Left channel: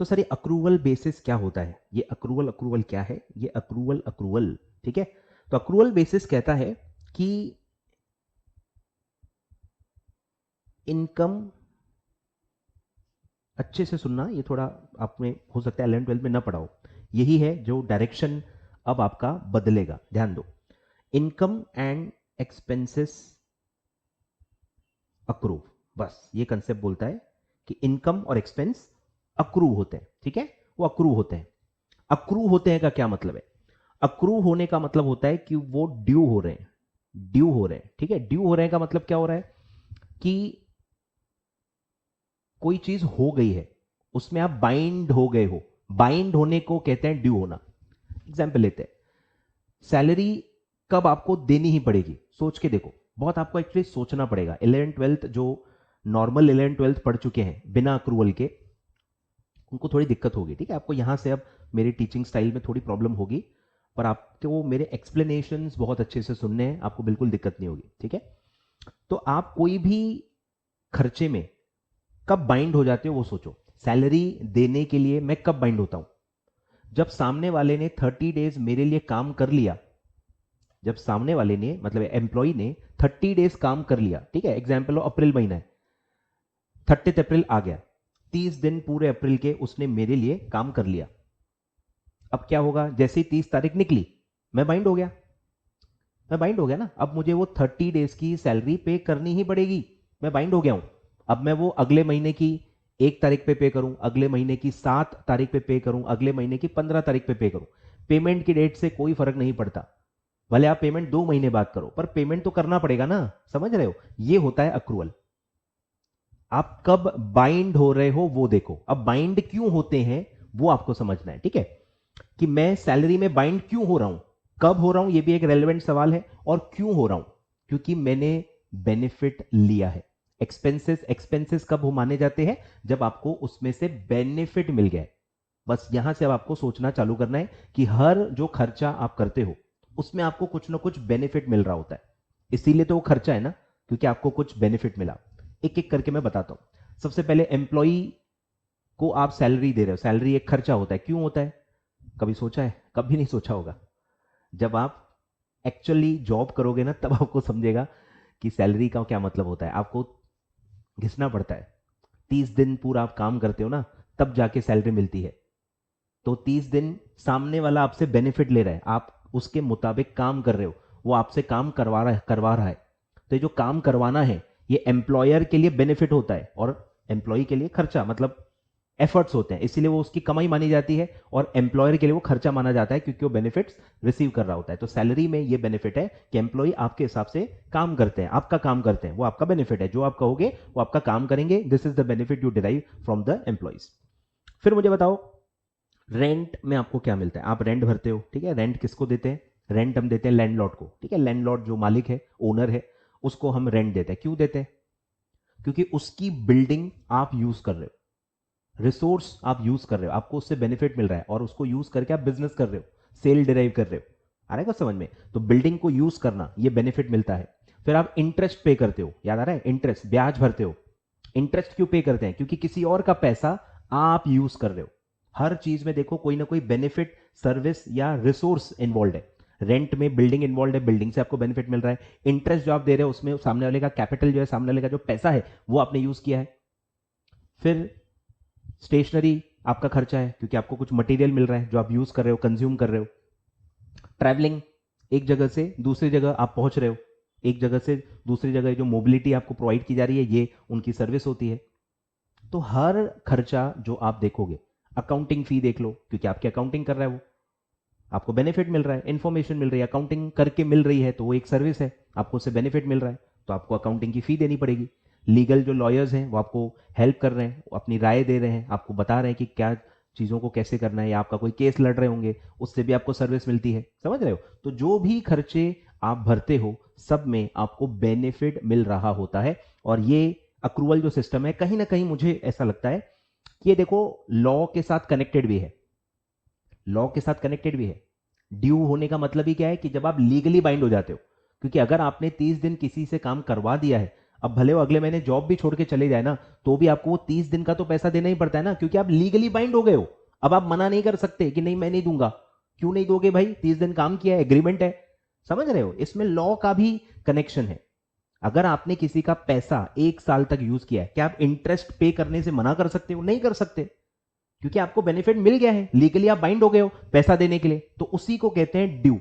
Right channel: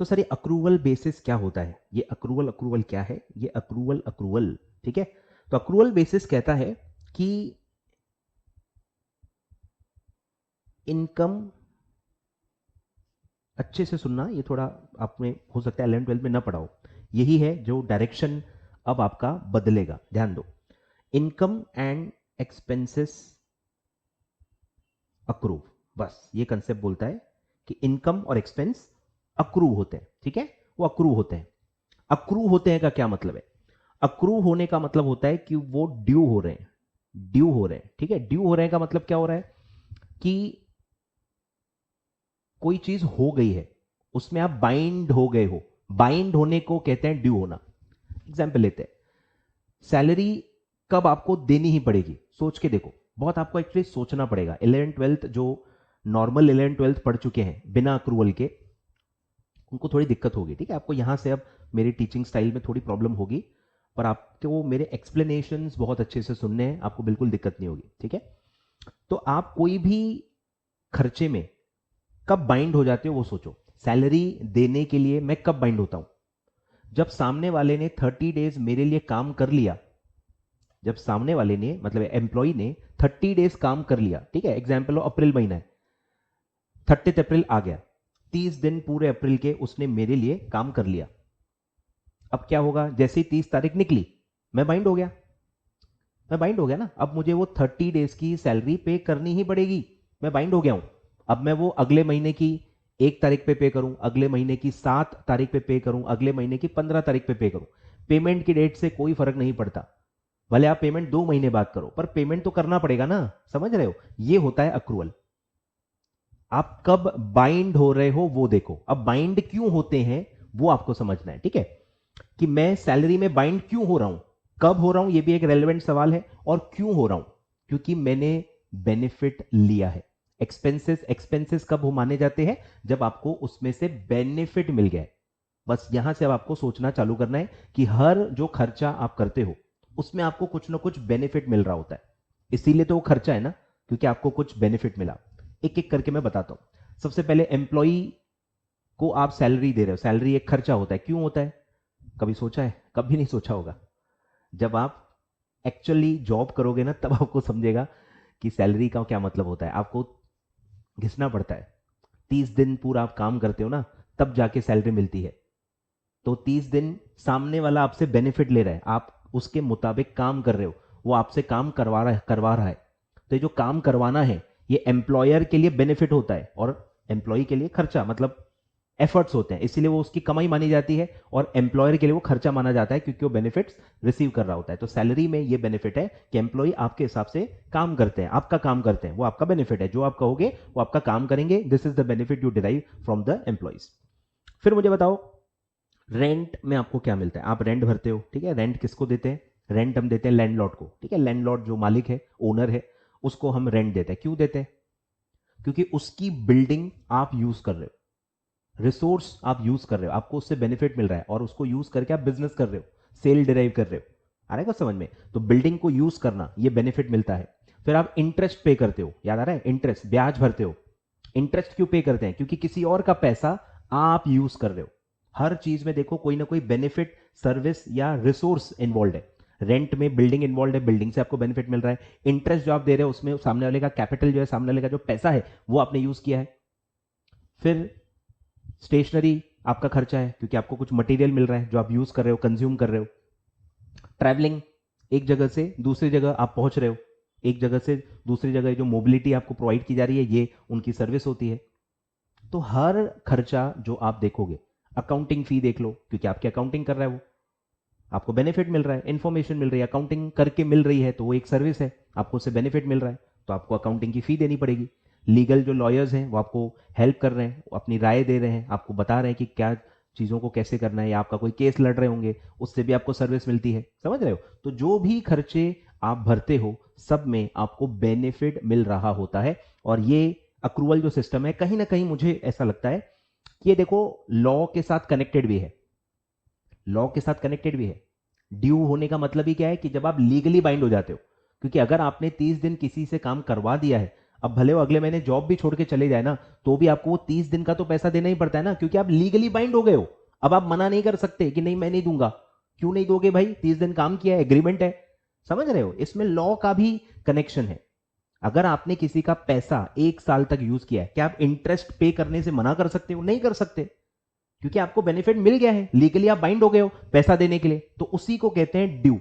तो सर ये accrual basis क्या होता है? ये अक्रूवल क्या है? ये अक्रूवल, ठीक है। तो अक्रूवल बेसिस कहता है कि इनकम, अच्छे से सुनना, ये थोड़ा आपने हो सकता है 11th 12th में ना पढ़ाओ, यही है जो डायरेक्शन अब आपका बदलेगा, ध्यान दो। इनकम एंड एक्सपेंसेस अक्रूव, बस ये कंसेप्ट बोलता है कि इनकम और एक्सपेंस अक्रूव होते हैं, ठीक है, वो अक्रूव होते हैं। अक्रूव होते हैं का क्या मतलब है? अक्रूव होने का मतलब होता है कि वो ड्यू हो रहे हैं, ड्यू हो रहे हैं, ठीक है। ड्यू हो रहे हैं का मतलब क्या हो रहा है कि कोई चीज हो गई है, उसमें आप बाइंड हो गए हो, बाइंड होने को कहते हैं ड्यू होना। एग्जाम्पल लेते हैं, सैलरी कब आपको देनी ही पड़ेगी, सोच के देखो, बहुत आपको एक्चुअली सोचना पड़ेगा। 11th 12th जो नॉर्मल 11th 12th पढ़ चुके हैं बिना अक्रूवल के, उनको थोड़ी दिक्कत होगी, ठीक है। आपको यहां से अब मेरी टीचिंग स्टाइल में थोड़ी प्रॉब्लम होगी, पर आपको मेरे एक्सप्लेनेशंस बहुत अच्छे से सुनने हैं, आपको बिल्कुल दिक्कत नहीं होगी, ठीक है। तो आप कोई भी खर्चे में कब बाइंड हो जाते हो वो सोचो। सैलरी देने के लिए मैं कब बाइंड होता हूं? जब सामने वाले ने 30 डेज मेरे लिए काम कर लिया, जब सामने वाले ने मतलब एम्प्लॉय ने 30 डेज काम कर लिया, ठीक है। एग्जाम्पल अप्रैल महीना है, 30 अप्रैल आ गया, 30 दिन पूरे अप्रैल के उसने मेरे लिए काम कर लिया। अब क्या होगा, जैसे ही 30 तारीख निकली मैं बाइंड हो गया, मैं बाइंड हो गया ना। अब मुझे वो 30 डेज की सैलरी पे करनी ही पड़ेगी, मैं बाइंड हो गया हूं। अब मैं वो अगले महीने की 1 तारीख पे करूं, अगले महीने की 7 तारीख पे करूं, अगले महीने की 15 तारीख पे करूं, पेमेंट की डेट से कोई फर्क नहीं पड़ता। भले आप पेमेंट 2 महीने बाद करो, पर पेमेंट तो करना पड़ेगा ना, समझ रहे हो? ये होता है अक्रूवल। आप कब बाइंड हो रहे हो वो देखो। अब बाइंड क्यों होते हैं वो आपको समझना है, ठीक है, कि मैं सैलरी में बाइंड क्यों हो रहा हूं, कब हो रहा हूं, ये भी एक रेलेवेंट सवाल है। और क्यों हो रहा हूं? क्योंकि मैंने बेनिफिट लिया है। एक्सपेंसेस, एक्सपेंसेस कब हो माने जाते हैं? जब आपको उसमें से बेनिफिट मिल गया है। बस यहां से अब आपको सोचना चालू करना है कि हर जो खर्चा आप करते हो उसमें आपको कुछ ना कुछ बेनिफिट मिल रहा होता है, इसीलिए तो वो खर्चा है ना, क्योंकि आपको कुछ बेनिफिट मिला। एक एक करके मैं बताता हूं। सबसे पहले एम्प्लॉई को आप सैलरी दे रहे हो, सैलरी एक खर्चा होता है, क्यों होता है? कभी सोचा है? कभी नहीं सोचा होगा। जब आप एक्चुअली जॉब करोगे ना तब आपको समझेगा कि सैलरी का क्या मतलब होता है। आपको घिसना पड़ता है, 30 दिन पूरा आप काम करते हो ना, तब जाके सैलरी मिलती है। तो 30 दिन सामने वाला आपसे बेनिफिट ले रहा है, आप उसके मुताबिक काम कर रहे हो, वो आपसे काम करवा रहा है। तो ये जो काम करवाना है ये एम्प्लॉयर के लिए बेनिफिट होता है और एम्प्लॉय के लिए खर्चा, मतलब एफर्ट्स होते हैं, इसीलिए वो उसकी कमाई मानी जाती है और एम्प्लॉयर के लिए वो खर्चा माना जाता है, क्योंकि वो बेनिफिट्स रिसीव कर रहा होता है। तो सैलरी में ये बेनिफिट है कि एम्प्लॉय आपके हिसाब से काम करते हैं, आपका काम करते हैं, वो आपका बेनिफिट है। जो आप कहोगे वो आपका काम करेंगे, this is the benefit you derive from the employees. फिर मुझे बताओ, रेंट में आपको क्या मिलता है? आप रेंट भरते हो, ठीक है। रेंट किसको देते हैं? रेंट हम देते हैं लैंडलॉर्ड को, ठीक है। लैंडलॉर्ड जो मालिक है, ओनर है, उसको हम रेंट देते हैं। क्यों देते हैं? क्योंकि उसकी बिल्डिंग आप यूज कर रहे हो, रिसोर्स आप यूज कर रहे हो, आपको उससे बेनिफिट मिल रहा है और उसको यूज करके आप बिजनेस कर रहे हो, सेल डिराइव कर रहे हो, आएगा समझ में? तो बिल्डिंग को यूज करना, ये बेनिफिट मिलता है। फिर आप इंटरेस्ट पे करते हो, याद आ रहा है? इंटरेस्ट, ब्याज भरते हो। इंटरेस्ट क्यों पे करते हैं? क्योंकि किसी और का पैसा आप यूज कर रहे हो। हर चीज में देखो कोई ना कोई बेनिफिट, सर्विस या रिसोर्स इन्वॉल्व है। रेंट में बिल्डिंग इन्वॉल्व है, बिल्डिंग से आपको बेनिफिट मिल रहा है। इंटरेस्ट जो आप दे रहे हो उसमें सामने वाले का कैपिटल जो है, सामने वाले का जो पैसा है वो आपने यूज किया है। फिर स्टेशनरी आपका खर्चा है, क्योंकि आपको कुछ मटेरियल मिल रहा है जो आप यूज कर रहे हो, कंज्यूम कर रहे हो। ट्रैवलिंग, एक जगह से दूसरी जगह आप पहुंच रहे हो, एक जगह से दूसरी जगह जो मोबिलिटी आपको प्रोवाइड की जा रही है ये उनकी सर्विस होती है। तो हर खर्चा जो आप देखोगे, अकाउंटिंग फी देख लो, क्योंकि आपकी अकाउंटिंग कर रहा है वो, आपको बेनिफिट मिल रहा है, इन्फॉर्मेशन मिल रही है, अकाउंटिंग करके मिल रही है, तो वो एक सर्विस है, आपको उससे बेनिफिट मिल रहा है, तो आपको अकाउंटिंग की फी देनी पड़ेगी। लीगल जो लॉयर्स हैं वो आपको हेल्प कर रहे हैं, वो अपनी राय दे रहे हैं, आपको बता रहे हैं कि क्या चीजों को कैसे करना है, या आपका कोई केस लड़ रहे होंगे, उससे भी आपको सर्विस मिलती है, समझ रहे हो? तो जो भी खर्चे आप भरते हो सब में आपको बेनिफिट मिल रहा होता है। और ये अक्रूवल जो सिस्टम है, कहीं ना कहीं मुझे ऐसा लगता है कि ये देखो लॉ के साथ कनेक्टेड भी है, लॉ के साथ कनेक्टेड भी है। ड्यू होने का मतलब ही क्या है कि जब आप लीगली बाइंड हो जाते हो, क्योंकि अगर आपने 30 दिन किसी से काम करवा दिया है, अब भले वो अगले महीने जॉब भी छोड़ के चले जाए ना, तो भी आपको वो 30 दिन का तो पैसा देना ही पड़ता है ना, क्योंकि आप लीगली बाइंड हो गए हो। अब आप मना नहीं कर सकते कि नहीं मैं नहीं दूंगा। क्यों नहीं दोगे भाई, 30 दिन काम किया है, एग्रीमेंट है। समझ रहे हो, इसमें लॉ का भी कनेक्शन है। अगर आपने किसी का पैसा 1 साल तक यूज किया है, क्या आप इंटरेस्ट पे करने से मना कर सकते हो? नहीं कर सकते, क्योंकि आपको बेनिफिट मिल गया है, लीगली आप बाइंड हो गए हो पैसा देने के लिए। तो उसी को कहते हैं ड्यू।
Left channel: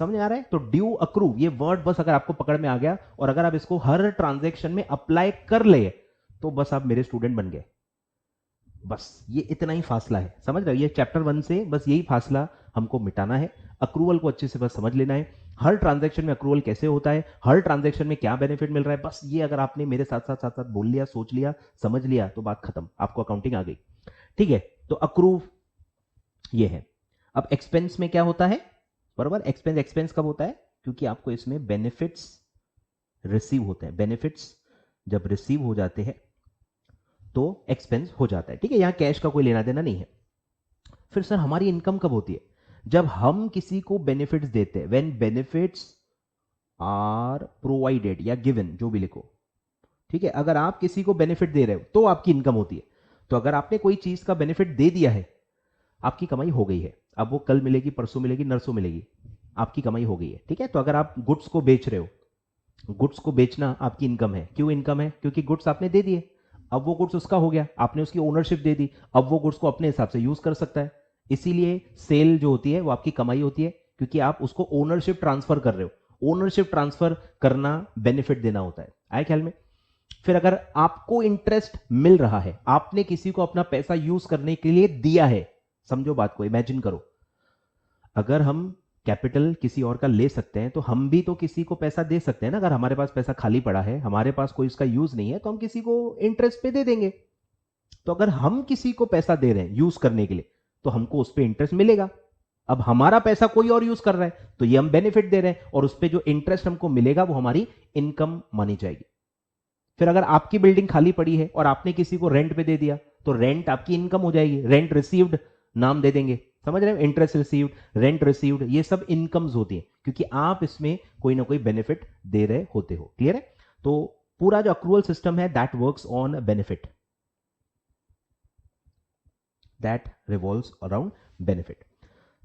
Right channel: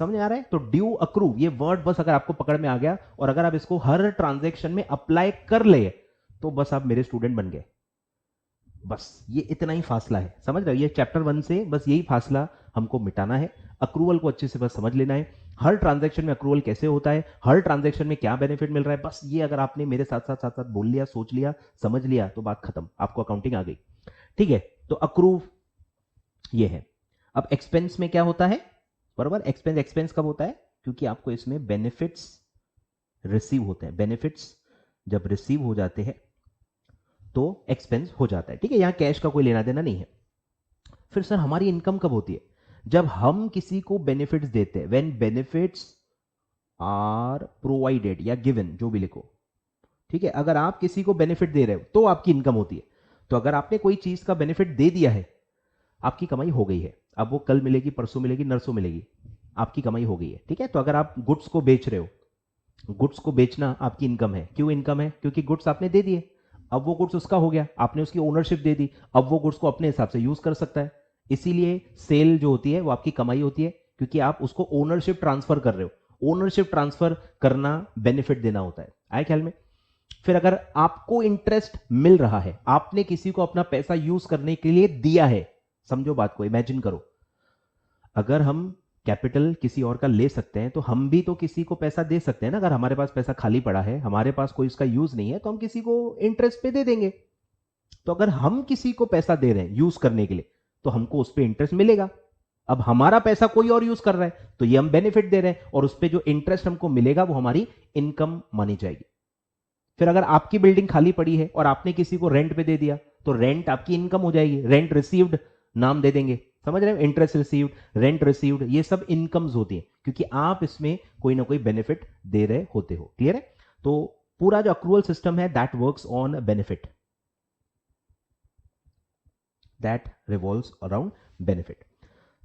समझ आ रहा है? तो ड्यू अक्रू, ये वर्ड बस अगर आपको पकड़ में आ गया और अगर आप इसको हर ट्रांजैक्शन में अप्लाई कर ले, तो बस आप मेरे स्टूडेंट बन गए। बस ये इतना ही फासला है, समझ रहे हो? ये चैप्टर 1 से बस यही फासला हमको मिटाना है। अक्रूवल को अच्छे से बस समझ लेना है, हर ट्रांजैक्शन में अक्रूवल कैसे होता है, हर ट्रांजैक्शन में क्या बेनिफिट मिल रहा है। बस ये अगर आपने मेरे साथ साथ साथ साथ बोल लिया, सोच लिया, समझ लिया, तो बात खत्म, आपको अकाउंटिंग आ गई। ठीक है, तो अक्रूव ये है। अब एक्सपेंस में क्या होता है? बराबर, एक्सपेंस एक्सपेंस कब होता है? क्योंकि आपको इसमें बेनिफिट्स रिसीव होते हैं। बेनिफिट्स जब रिसीव हो जाते हैं तो एक्सपेंस हो जाता है। ठीक है, यहां कैश का कोई लेना देना नहीं है। फिर सर हमारी इनकम कब होती है? जब हम किसी को बेनिफिट्स देते हैं, व्हेन बेनिफिट्स आर प्रोवाइडेड या गिवन, जो भी लिखो। ठीक है, अगर आप किसी को बेनिफिट दे रहे हो तो आपकी इनकम होती है। तो अगर आपने कोई चीज का बेनिफिट दे दिया है, आपकी कमाई हो गई है। अब वो कल मिलेगी, परसों मिलेगी, नरसों मिलेगी, आपकी कमाई हो गई है। ठीक है, तो अगर आप गुड्स को बेच रहे हो, गुड्स को बेचना आपकी इनकम है। क्यों इनकम है? क्योंकि गुड्स आपने दे दिए, अब वो गुड्स उसका हो गया, आपने उसकी ओनरशिप दे दी, अब वो गुड्स को अपने हिसाब से यूज कर सकता है। इसीलिए सेल जो होती है वो आपकी कमाई होती है, क्योंकि आप उसको ओनरशिप ट्रांसफर कर रहे हो। ओनरशिप ट्रांसफर करना बेनिफिट देना होता है, आए ख्याल में? फिर अगर आपको इंटरेस्ट मिल रहा है, आपने किसी को अपना पैसा यूज करने के लिए दिया है, समझो बात को, इमेजिन करो, अगर हम कैपिटल किसी और का ले सकते हैं तो हम भी तो किसी को पैसा दे सकते हैं ना। अगर हमारे पास पैसा खाली पड़ा है, हमारे पास कोई उसका यूज नहीं है, तो हम किसी को इंटरेस्ट पे दे देंगे। तो अगर हम किसी को पैसा दे रहे हैं यूज करने के लिए, तो हमको उस पर इंटरेस्ट मिलेगा। अब हमारा पैसा कोई और यूज कर रहा है, तो ये हम बेनिफिट दे रहे हैं, और उस पर जो इंटरेस्ट हमको मिलेगा वो हमारी इनकम मानी जाएगी। फिर अगर आपकी बिल्डिंग खाली पड़ी है और आपने किसी को रेंट पे दे दिया, तो रेंट आपकी इनकम हो जाएगी, रेंट रिसीव्ड नाम दे देंगे। समझ रहे हो? इंटरेस्ट रिसीव्ड, रेंट रिसीव्ड, ये सब इनकम्स होती हैं, क्योंकि आप इसमें कोई ना कोई बेनिफिट दे रहे होते हो। क्लियर है? तो पूरा जो अक्रूवल सिस्टम है that works on benefit, that revolves around benefit.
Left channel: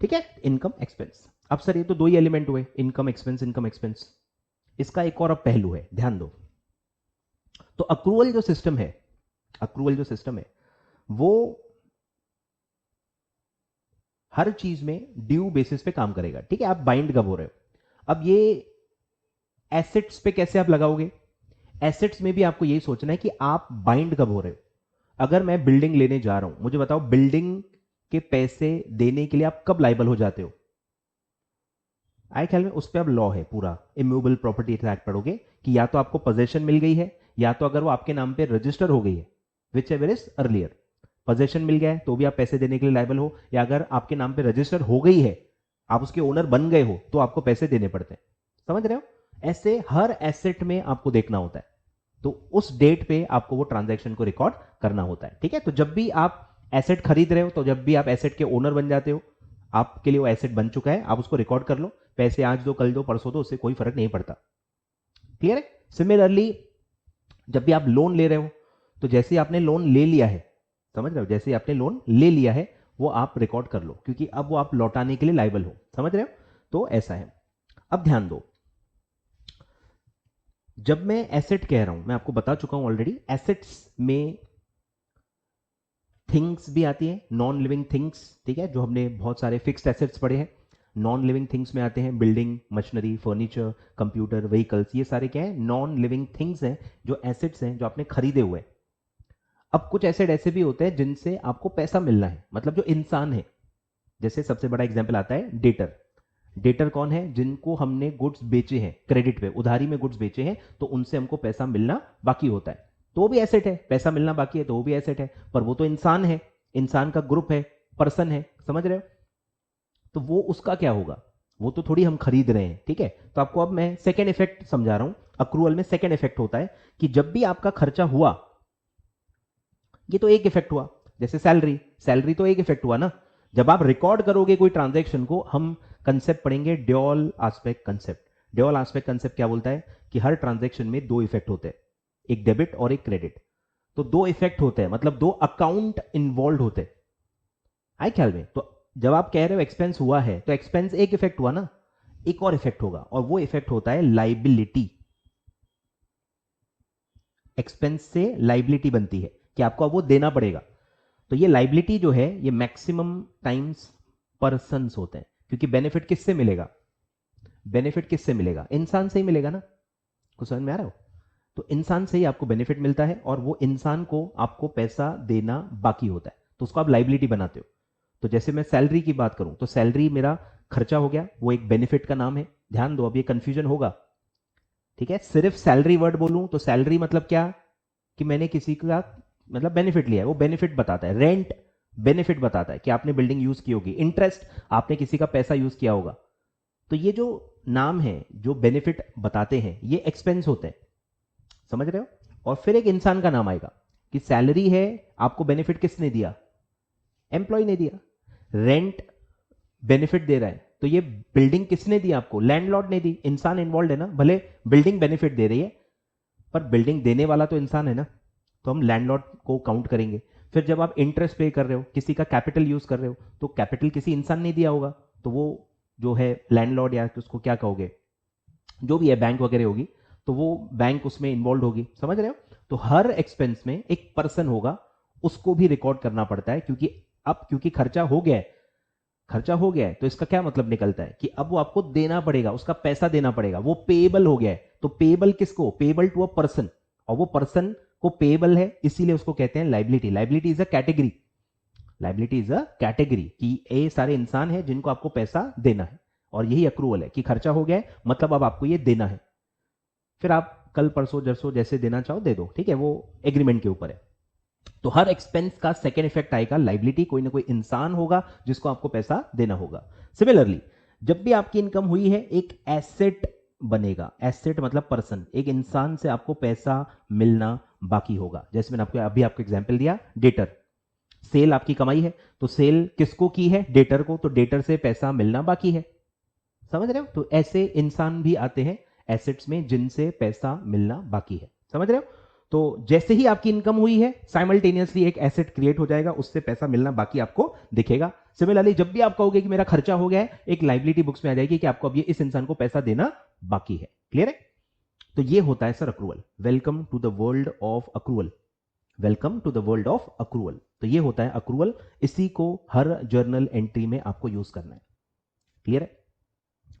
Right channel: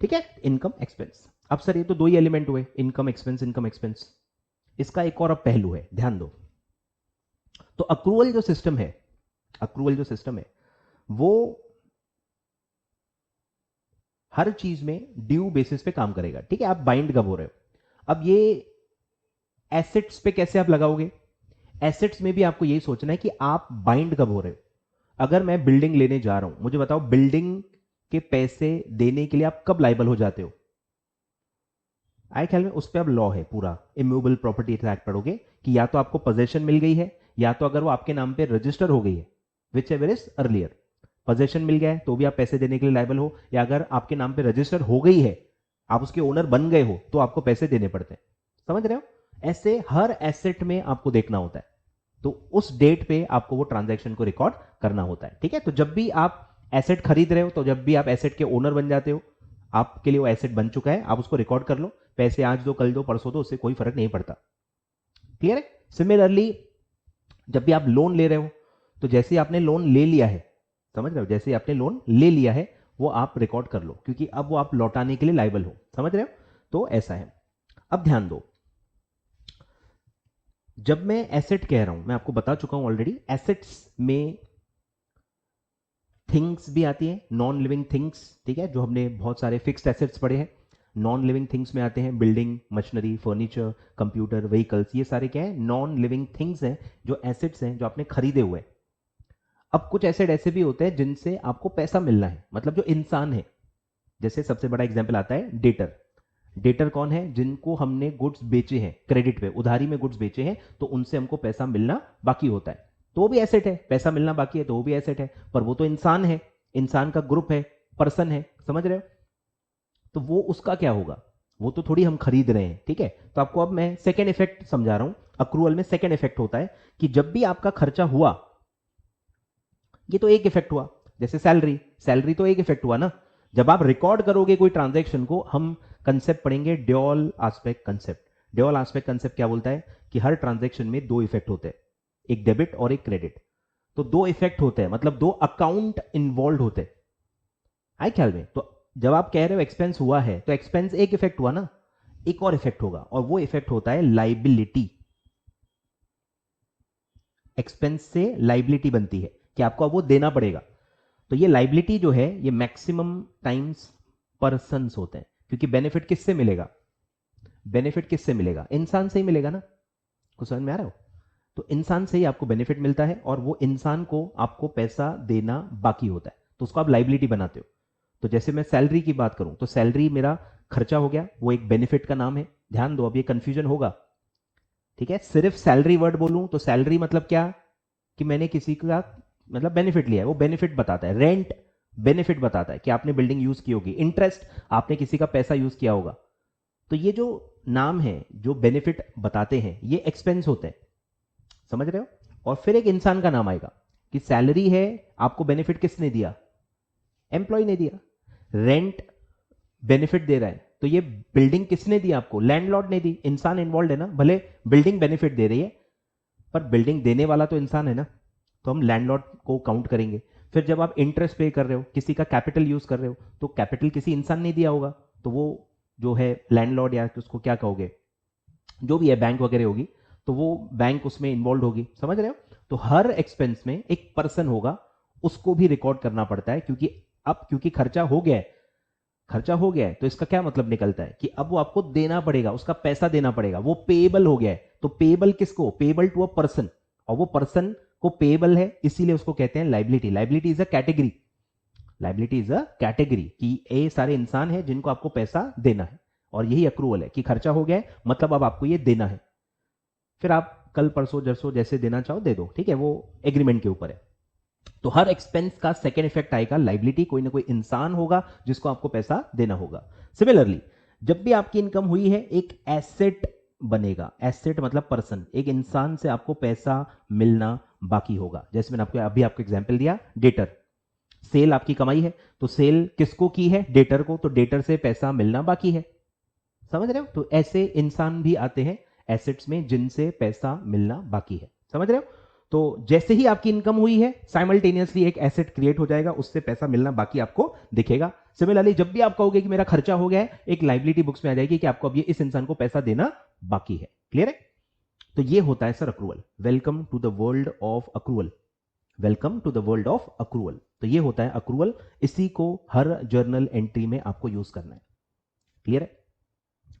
ठीक है, इनकम एक्सपेंस। अब सर ये तो दो ही एलिमेंट हुए, इनकम एक्सपेंस, इनकम एक्सपेंस। इसका एक और अब पहलू है, ध्यान दो। तो अक्रूवल जो सिस्टम है, अक्रूवल जो सिस्टम है वो हर चीज में ड्यू बेसिस पे काम करेगा। ठीक है, आप बाइंड कब हो रहे हो? अब ये एसेट्स पे कैसे आप लगाओगे? एसेट्स में भी आपको यही सोचना है कि आप बाइंड कब हो रहे हो। अगर मैं बिल्डिंग लेने जा रहा हूं, मुझे बताओ बिल्डिंग के पैसे देने के लिए आप कब लाइबल हो जाते हो? आए ख्याल में? उस पर अब लॉ है पूरा, इमूवेबल प्रॉपर्टी एक्ट पढ़ोगे कि या तो आपको पोजेशन मिल गई है, या तो अगर वो आपके नाम पे रजिस्टर हो गई है, whichever is earlier. Possession मिल गया है तो भी आप पैसे देने के लिए लायबल हो, या अगर आपके नाम पे रजिस्टर हो गई है, आप उसके ओनर बन गए हो, तो आपको पैसे देने पड़ते हैं। समझ रहे हो? ऐसे हर एसेट में आपको देखना होता है, तो उस डेट पे आपको वो ट्रांजैक्शन को रिकॉर्ड करना होता है। ठीक है, तो जब भी आप एसेट खरीद रहे हो, तो जब भी आप एसेट के ओनर बन जाते हो, आपके लिए वो एसेट बन चुका है, आप उसको रिकॉर्ड कर लो। पैसे आज दो, कल दो, परसों दो, उससे कोई फर्क नहीं पड़ता। क्लियर है? सिमिलरली जब भी आप लोन ले रहे हो, तो जैसे आपने लोन ले लिया है, समझ रहे हो, जैसे आपने लोन ले लिया है वो आप रिकॉर्ड कर लो, क्योंकि अब वो आप लौटाने के लिए लायबल हो। समझ रहे हो? तो ऐसा है। अब ध्यान दो, जब मैं एसेट कह रहा हूं, मैं आपको बता चुका हूं ऑलरेडी, एसेट्स में थिंग्स भी आती है, नॉन लिविंग थिंग्स। ठीक है, जो हमने बहुत सारे फिक्स्ड एसेट्स पढ़े हैं, नॉन लिविंग थिंग्स में आते हैं building, machinery, furniture, computer, vehicles, ये सारे क्या है? नॉन लिविंग थिंग्स हैं, जो एसेट्स हैं, जो आपने खरीदे हुए हैं। अब कुछ एसेट ऐसे भी होता है जिनसे आपको पैसा मिल रहा है, मतलब जो इंसान है। जैसे सबसे बड़ा एग्जांपल आता है डेटर। डेटर कौन है? जिनको हमने गुड्स बेचे हैं क्रेडिट पे, उधारी में गुड्स बेचे हैं, तो उनसे हमको पैसा मिलना बाकी होता है, तो वो भी एसेट है। पैसा मिलना बाकी है तो वो भी एसेट है, पर वो तो इंसान है, इंसान का ग्रुप है, पर्सन है। समझ रहे हो? तो वो उसका क्या होगा? वो तो थोड़ी हम खरीद रहे हैं। ठीक है, तो आपको अब मैं सेकेंड इफेक्ट समझा रहा हूं। अक्रूवल में सेकेंड इफेक्ट होता है कि जब भी आपका खर्चा हुआ, ये तो एक इफेक्ट हुआ, जैसे सैलरी, सैलरी तो एक इफेक्ट हुआ ना। जब आप रिकॉर्ड करोगे कोई ट्रांजैक्शन को, हम कंसेप्ट पढ़ेंगे dual aspect concept. Day all aspect concept क्या बोलता है कि हर ट्रांजैक्शन में दो इफेक्ट होते हैं, एक डेबिट और एक क्रेडिट। तो दो इफेक्ट होते हैं, मतलब दो अकाउंट इन्वॉल्व होते हैं। आई ख्याल में? तो जब आप कह रहे हो एक्सपेंस हुआ है, तो एक्सपेंस एक इफेक्ट हुआ ना, एक और इफेक्ट होगा, और वो इफेक्ट होता है लाइबिलिटी। एक्सपेंस से लाइबिलिटी बनती है कि आपको वो देना पड़ेगा। तो ये लाइबिलिटी जो है ये मैक्सिमम टाइम्स पर्सन्स होते हैं, क्योंकि बेनिफिट किससे मिलेगा? बेनिफिट किससे मिलेगा? इंसान से ही मिलेगा ना। कुछ समझ में आ रहा हो? तो इंसान से ही आपको बेनिफिट मिलता है, और वो इंसान को आपको पैसा देना बाकी होता है, तो उसको आप लाइबिलिटी बनाते हो। तो जैसे मैं सैलरी की बात करूं, तो सैलरी मेरा खर्चा हो गया, वो एक बेनिफिट का नाम है। ध्यान दो, अब ये कंफ्यूजन होगा, ठीक है? सिर्फ सैलरी वर्ड बोलूं तो सैलरी मतलब क्या? कि मैंने किसी का मतलब बेनिफिट लिया है, वो बेनिफिट बताता है। रेंट बेनिफिट बताता है कि आपने बिल्डिंग यूज की होगी। इंटरेस्ट आपने किसी का पैसा यूज किया होगा। तो ये जो नाम है जो बेनिफिट बताते हैं, ये एक्सपेंस होते हैं, समझ रहे हो? और फिर एक इंसान का नाम आएगा कि सैलरी है, आपको बेनिफिट किसने दिया? एम्प्लॉय ने दिया। रेंट बेनिफिट दे रहा है, तो ये बिल्डिंग किसने दी आपको? लैंडलॉर्ड ने दी। इंसान इन्वॉल्व है ना, भले बिल्डिंग बेनिफिट दे रही है पर बिल्डिंग देने वाला तो इंसान है ना, तो हम लैंडलॉर्ड को काउंट करेंगे। फिर जब आप इंटरेस्ट पे कर रहे हो, किसी का कैपिटल यूज कर रहे हो, तो कैपिटल किसी इंसान ने दिया होगा, तो वो जो है लैंडलॉर्ड, या तो उसको क्या कहोगे, जो भी है, बैंक वगैरह होगी, तो वो बैंक उसमें इन्वॉल्व होगी। समझ रहे हो? तो हर एक्सपेंस में एक पर्सन होगा, उसको भी रिकॉर्ड करना पड़ता है, क्योंकि अब क्योंकि खर्चा हो गया है, खर्चा हो गया है, तो इसका क्या मतलब निकलता है कि अब वो आपको देना पड़ेगा, उसका पैसा देना पड़ेगा, वो पेएबल हो गया है। तो पेएबल किसको? पेएबल टू अ पर्सन, और वो पर्सन को पेएबल है, इसीलिए उसको कहते हैं liability. Liability is a category, liability is a category कि ये सारे इंसान है जिनको आपको पैसा देना है, और यही अक्रूवल है कि खर्चा हो गया है, मतलब अब आपको ये देना है। फिर आप कल परसों जरसों जैसे देना चाहो दे दो, ठीक है? वो एग्रीमेंट के ऊपर है। तो हर एक्सपेंस का सेकेंड इफेक्ट आएगा लाइबिलिटी, कोई ना कोई इंसान होगा जिसको आपको पैसा देना होगा। सिमिलरली जब भी आपकी इनकम हुई है, एक एसेट बनेगा। एसेट मतलब पर्सन, एक इंसान से आपको पैसा मिलना बाकी होगा। जैसे मैंने आपको अभी आपको एग्जांपल दिया, डेटर। सेल आपकी कमाई है, तो सेल किसको की है? डेटर को, तो डेटर से पैसा मिलना बाकी है। समझ रहे हो? तो ऐसे इंसान भी आते हैं एसेट्स में जिनसे पैसा मिलना बाकी है। समझ रहे हो? तो जैसे ही आपकी इनकम हुई है, साइमल्टेनियसली एक एसेट क्रिएट हो जाएगा, उससे पैसा मिलना बाकी आपको दिखेगा। सिमिलरली जब भी आप कहोगे कि मेरा खर्चा हो गया है, एक लाइबिलिटी बुक्स में आ जाएगी कि आपको अब ये इस इंसान को पैसा देना बाकी है। क्लियर है? तो ये होता है sir accrual. Welcome to the world of accrual. Welcome to the world of accrual. तो ये होता है अक्रूवल, इसी को हर जर्नल एंट्री में आपको यूज करना है। क्लियर है?